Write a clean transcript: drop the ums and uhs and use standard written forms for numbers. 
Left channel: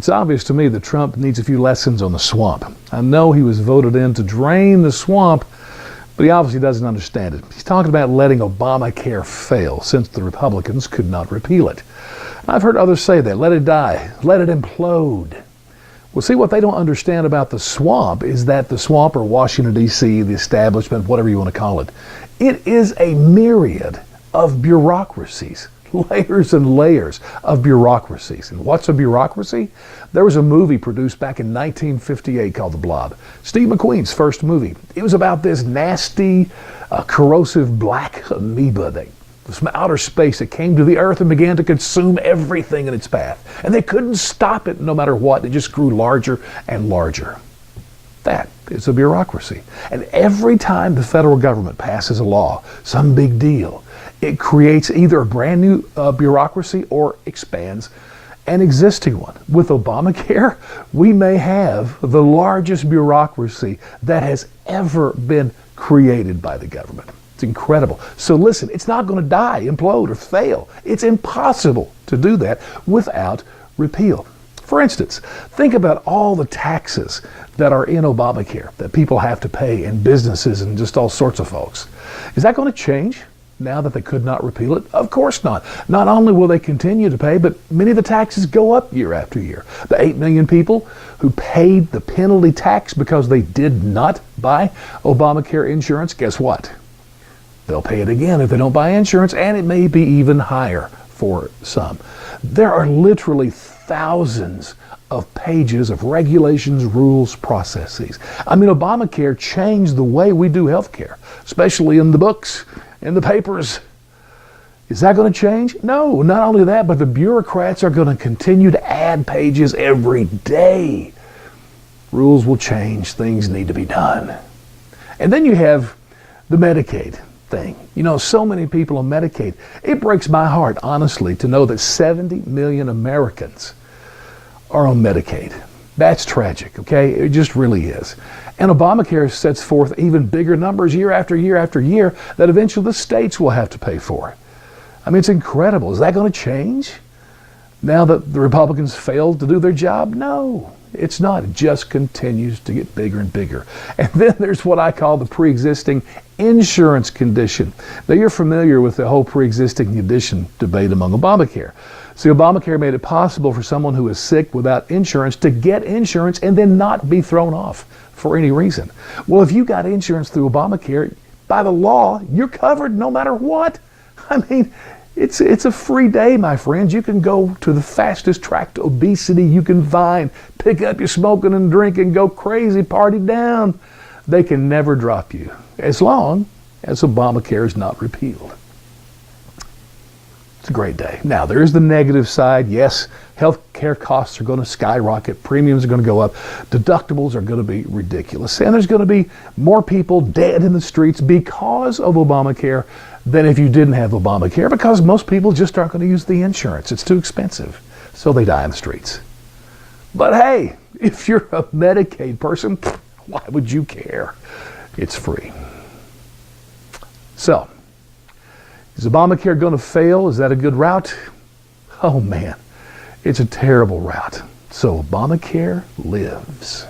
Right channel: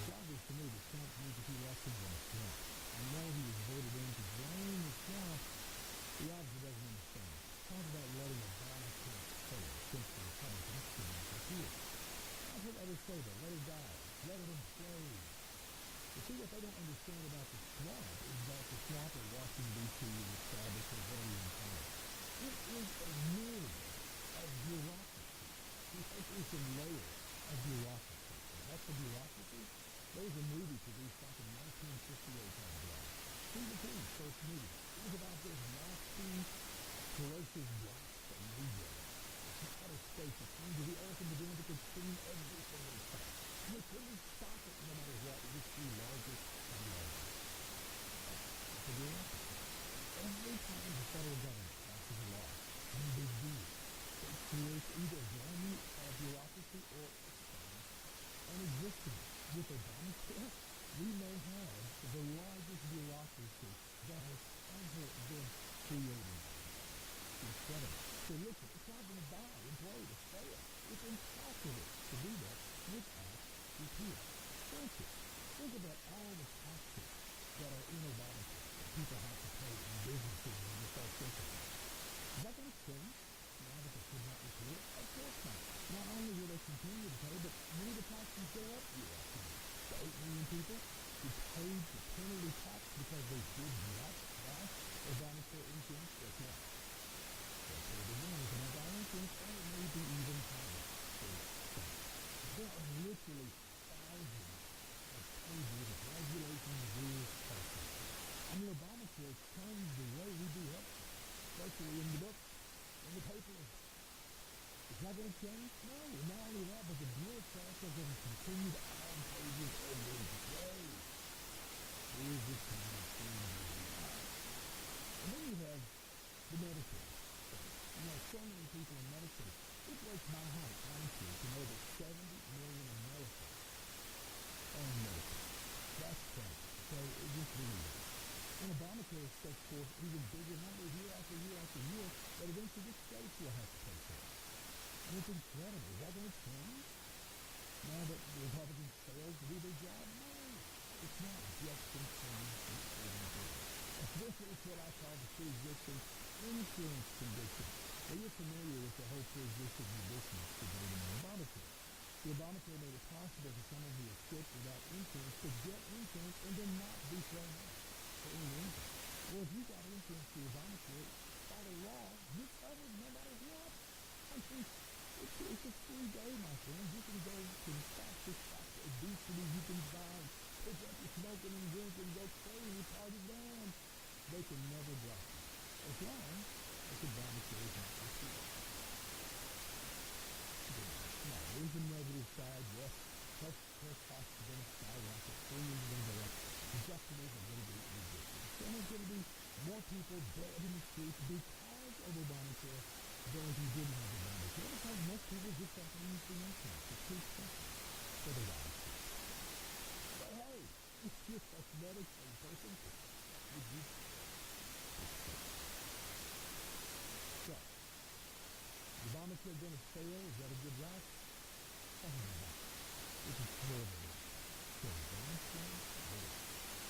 It's obvious to me that Trump needs a few lessons on the swamp. I know he was voted in to drain the swamp, but he obviously doesn't understand it. He's talking about letting Obamacare fail since the Republicans could not repeal it. I've heard others say that. Let it die. Let it implode. Well, see, what they don't understand about the swamp is that the swamp, or Washington, D.C., the establishment, whatever you want to call it, it is a myriad of bureaucracies. Layers and layers of bureaucracies. And what's a bureaucracy? There was a movie produced back in 1958 called The Blob. Steve McQueen's first movie. It was about this nasty, corrosive black amoeba from outer space that came to the earth and began to consume everything in its path. And they couldn't stop it no matter what. It just grew larger and larger. That is a bureaucracy. And every time the federal government passes a law, some big deal, it creates either a brand new bureaucracy or expands an existing one. With Obamacare, we may have the largest bureaucracy that has ever been created by the government. It's incredible. So listen, it's not going to die, implode, or fail. It's impossible to do that without repeal. For instance, think about all the taxes that are in Obamacare that people have to pay, and businesses and just all sorts of folks. Is that going to change now that they could not repeal it? Of course not. Not only will they continue to pay, but many of the taxes go up year after year. The 8 million people who paid the penalty tax because they did not buy Obamacare insurance, guess what? They'll pay it again if they don't buy insurance, and it may be even higher for some. There are literally thousands of pages of regulations, rules, processes. I mean, Obamacare changed the way we do health care, especially in the books, in the papers. Is that going to change? No, not only that, but the bureaucrats are going to continue to add pages every day. Rules will change, things need to be done. And then you have the Medicaid thing. You know, so many people on Medicaid. It breaks my heart, honestly, to know that 70 million Americans are on Medicaid. That's tragic, okay? It just really is. And Obamacare sets forth even bigger numbers year after year after year that eventually the states will have to pay for. I mean, it's incredible. Is that going to change now that the Republicans failed to do their job? No, it's not. It just continues to get bigger and bigger. And then there's what I call the pre-existing insurance condition. Now, you're familiar with the whole pre-existing condition debate among Obamacare. See, Obamacare made it possible for someone who is sick without insurance to get insurance and then not be thrown off for any reason. Well, if you got insurance through Obamacare, by the law, you're covered no matter what. I mean, it's a free day, my friends. You can go to the fastest track to obesity you can find, pick up your smoking and drinking, go crazy, party down. They can never drop you as long as Obamacare is not repealed. It's a great day. Now, there's the negative side. Yes, health care costs are going to skyrocket. Premiums are going to go up. Deductibles are going to be ridiculous. And there's going to be more people dead in the streets because of Obamacare than if you didn't have Obamacare, because most people just aren't going to use the insurance. It's too expensive. So they die in the streets. But hey, if you're a Medicaid person, why would you care? It's free. So, is Obamacare going to fail? Is that a good route? Oh man, it's a terrible route. So Obamacare lives.